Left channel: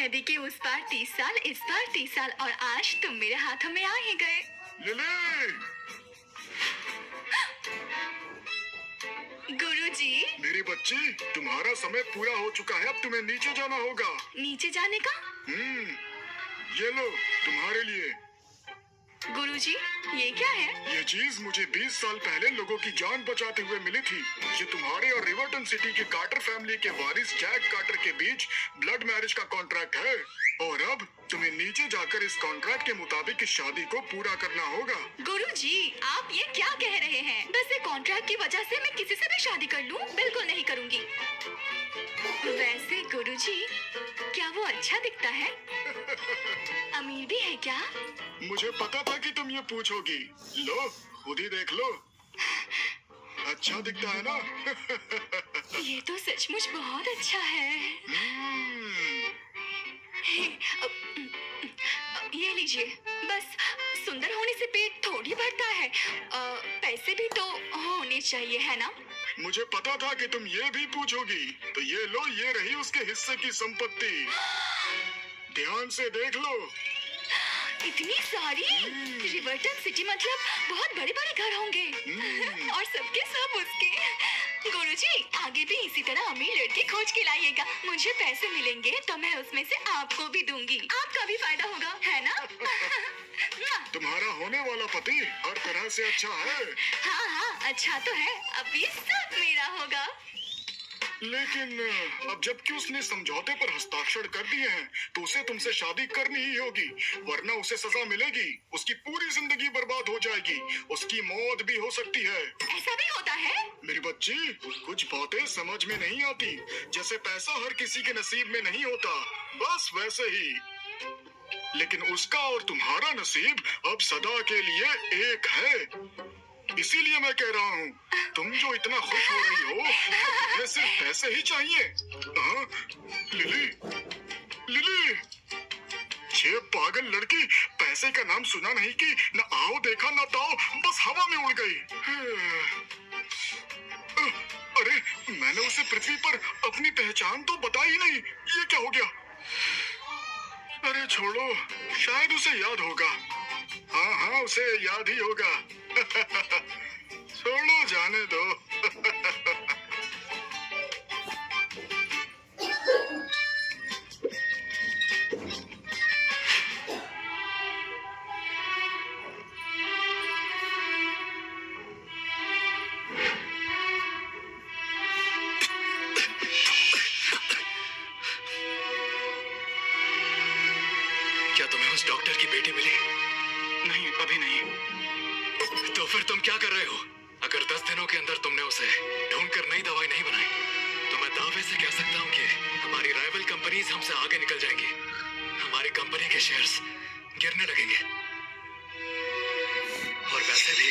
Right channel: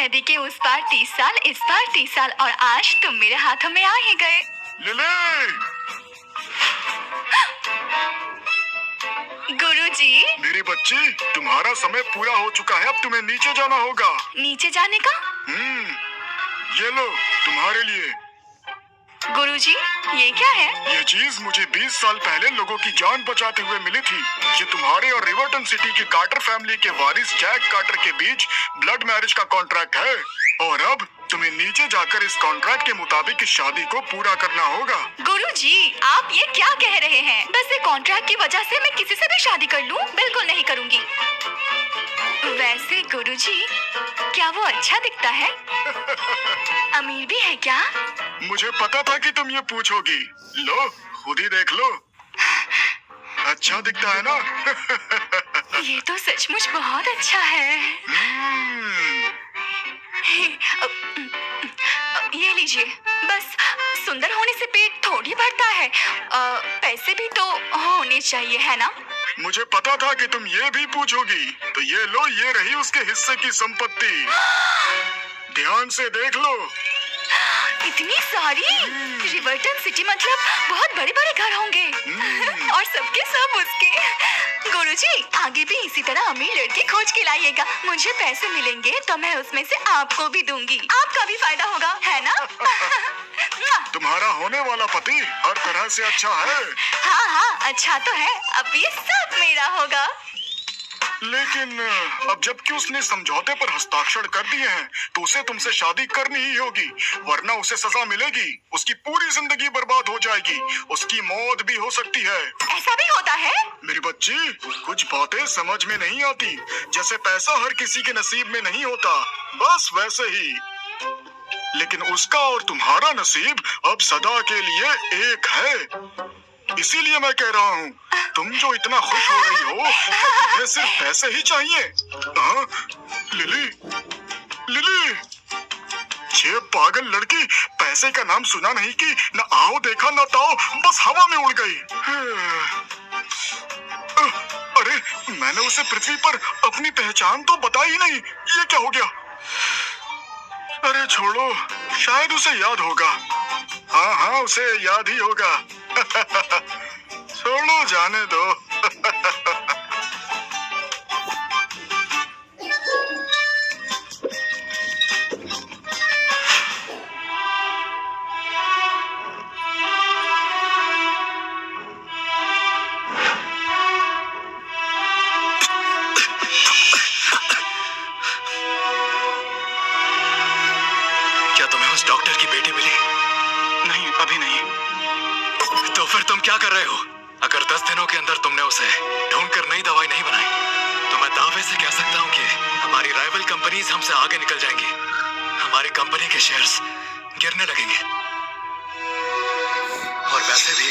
नदी के उस पार 30 साल, इस पार 30 साल और आज तुम मेरे हाथों में आ ही गए। लिली! गुरुजी। मेरी बच्ची, तुम्हारा समय पूरा हो चुका है, अब तुम्हें नीचे जाना होगा। नीचे जाने का? ये लो तुम्हारे लिए। गुरुजी, ये क्या है? ये चीज मुझे 20 साल पहले लोगों की जान बचाते हुए मिली थी। ये तुम्हारे और रिवर्टन सिटी की कार्टर फैमिली के वारिस जैक कार्टर के बीच ब्लड मैरिज का कॉन्ट्रैक्ट है और अब तुम्हें नीचे जाकर इस कॉन्ट्रैक्ट के मुताबिक इस शादी को पूरा करना होगा। गुरुजी, आप ये क्या कह रहे हैं? बस एक कॉन्ट्रैक्ट की वजह से मैं किसी से भी शादी कर लूं? बिल्कुल नहीं करूंगी। वैसे गुरुजी, क्या वो अच्छा दिखता है? अमीर भी है क्या? मुझे पता था कि तुम ये पूछोगी। लो, खुद ही देख लो। अच्छा दिखता है ना? ये तो सचमुच बहुत अच्छा है। ये लीजिए। बस सुंदर होने से पेट थोड़ी भरता है। पैसे भी तो होने चाहिए, है ना? मुझे पता था कि तुम ये भी पूछोगी, तो ये लो, ये रही उसके हिस्से की संपत्ति। ध्यान से देख लो। इतनी सारी? रिवर्टन सिटी मतलब बहुत बड़े-बड़े घर होंगे और सबके सब उसके। गुरुजी, आगे भी इसी तरह अमीर लड़की खोज के लाइएगा। मुझे पैसे मिलेंगे तो मैं उसमें से आपको भी दूंगी। आपका भी फायदा होगा, है ना? तुम्हारा होने वाला पति हर तरह से अच्छा है। हाँ, अच्छा तो है। अब ये सब मेरा होगा। लेकिन अब जबकि उसने समझौते पर हस्ताक्षर कर दिए हैं, तो उसे तुमसे शादी करनी ही होगी, वरना उसे सजा मिलेगी। उसकी पूरी जिंदगी बर्बाद हो जाएगी, उसकी मौत भी हो सकती है। ऐसा भी होता है? मेरी बच्ची, कुछ बातें समझ में नहीं आती। जैसे पैसा हर किसी के नसीब में नहीं होता, बस वैसे ही। लेकिन उसका और तुम्हारा नसीब अब सदा के लिए एक है। इसीलिए मैं कह रहा हूँ, तुम जो इतना खुश हो रही हो, तुम्हें सिर्फ पैसे ही चाहिए। हाँ? लिली, लिली, ये पागल लड़की पैसे का नाम सुना नहीं कि न आओ देखा न ताओ, बस हवा में उड़ गई। अरे, मैंने उसे पृथ्वी पर अपनी पहचान तो बताई ही नहीं। ये क्या हो गया? अरे छोड़ो, शायद उसे याद होगा। हाँ, उसे याद ही होगा। छोड़ो, जाने दो। क्या तुम्हें उस डॉक्टर की बेटी मिली? नहीं, अभी नहीं। तो फिर तुम क्या कर रहे हो? अगर 10 दिनों के अंदर तुमने उसे ढूंढकर नई दवाई नहीं बनाई, तो मैं दावे से कह सकता हूँ कि हमारी राइवल कंपनीज हमसे आगे निकल जाएंगी। हमारी कंपनी के शेयर्स गिरने लगेंगे। और वैसे भी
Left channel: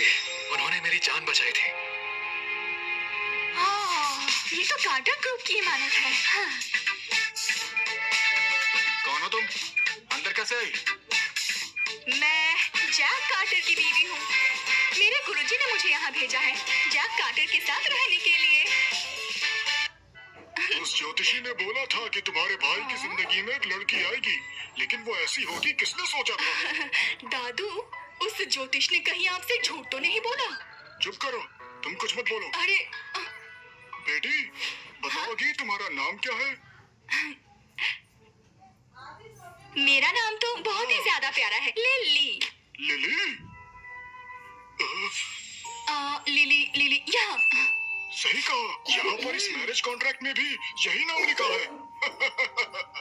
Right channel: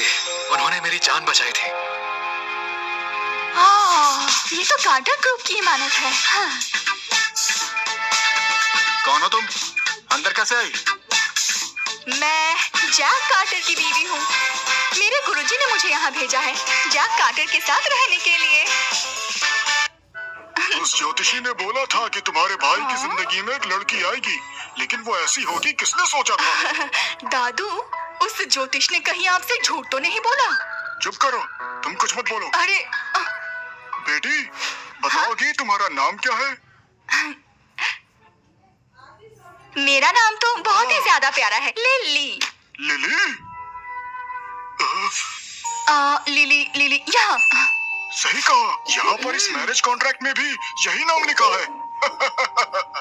उन्होंने मेरी जान बचाई थी। ये तो कार्टर ग्रुप की इमानत है। हाँ। कौन हो तुम? अंदर कैसे आई? मैं जैक कार्टर की बीवी हूँ। मेरे गुरुजी ने मुझे यहाँ भेजा है जैक कार्टर के साथ रहने के लिए। उस ज्योतिषी ने बोला था कि तुम्हारे भाई की जिंदगी में एक लड़की आएगी, लेकिन वो ऐसी होगी किसने सोचा था? दादू, उस ज्योतिष ने कहीं आपसे झूठ तो नहीं बोला? चुप करो, तुम कुछ मत बोलो। अरे बेटी, बताओगी तुम्हारा नाम क्या है? मेरा नाम तो बहुत ही ज्यादा प्यारा है, लिली। लिली? लिली, लिली, यहाँ। सही कहा, यहाँ पर इस मैरिज कॉन्ट्रैक्ट में भी यही नाम लिखा है।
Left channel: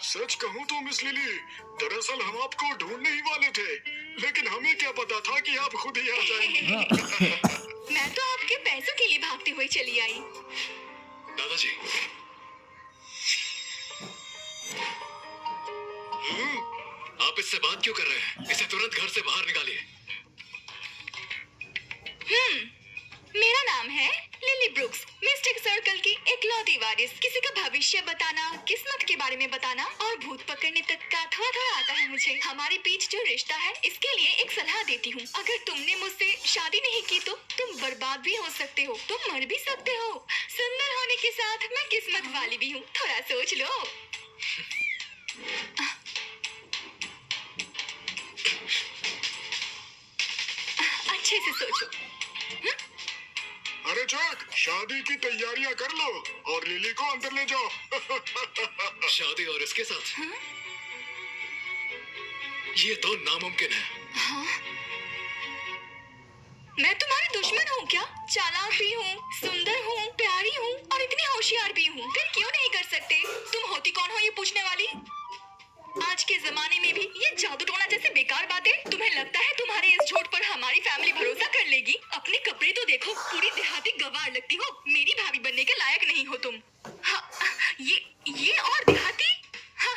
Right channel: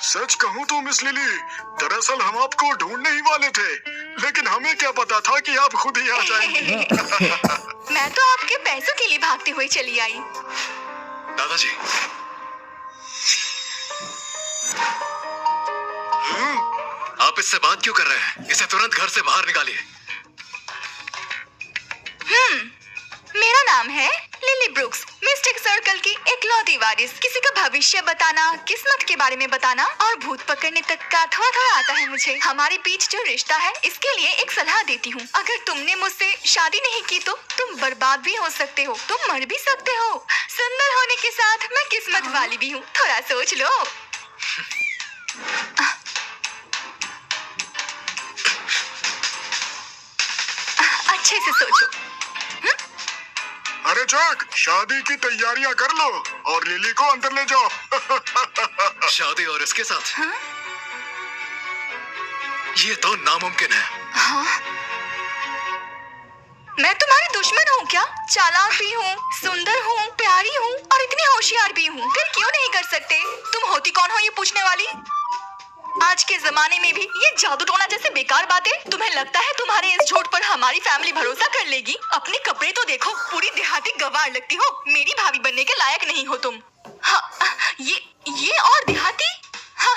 सच कहूँ तो मिस लिली, दरअसल हम आपको ढूंढने ही वाले थे, लेकिन हमें क्या पता था कि आप खुद ही आ जाएंगी। मैं तो आपके पैसों के लिए भागती हुई चली आई। दादाजी, आप इससे बात क्यों कर रहे हैं? इसे तुरंत घर से बाहर निकालिए। मेरा नाम है लिली ब्रुक्स, मिस्टिक सर्कल की इकलौती वारिस। किसी का भविष्य बताना, किस्मत के बारे में बताना और भूत पकड़ने तक का थोड़ा थोड़ा आता है मुझे। हमारे बीच जो रिश्ता है, इसके लिए एक सलाह देती हूँ। अगर तुमने मुझसे शादी नहीं की तो तुम बर्बाद भी हो सकते हो, तुम मर भी सकते हो। सुंदर होने के साथ मैं किस्मत वाली भी हूँ, थोड़ा सोच लो। अच्छे से सोचो। अरे जैक, शादी की तैयारियां कर लो और लिली को अंदर ले जाओ। शादी और इसके साथ? हाँ? ये तो नामुमकिन है। हाँ? मैं तुम्हारी दुश्मन हूँ क्या? चालाक भी हूँ, सुंदर हूँ, प्यारी हूँ और इतनी होशियार भी हूँ। फिर क्यों नहीं कर सकते? तुम होती कौन हो ये पूछने वाली? आज के जमाने में भी ये जादू टोना जैसे बेकार बातें? तुम्हें लगता है तुम्हारे इस झूठ पर हमारी फैमिली भरोसा कर लेगी? अपने कपड़े तो देखो, पूरी देहाती गवार लगती हो। मेरी भाभी बनने के लायक नहीं हो तुम। हाँ, ये और देहाती? हाँ,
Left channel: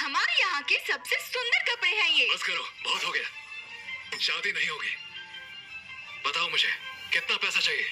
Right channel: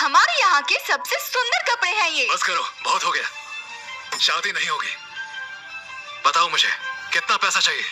हमारे यहाँ के सबसे सुंदर कपड़े हैं ये। बस करो, बहुत हो गया। शादी नहीं होगी। बताओ मुझे कितना पैसा चाहिए?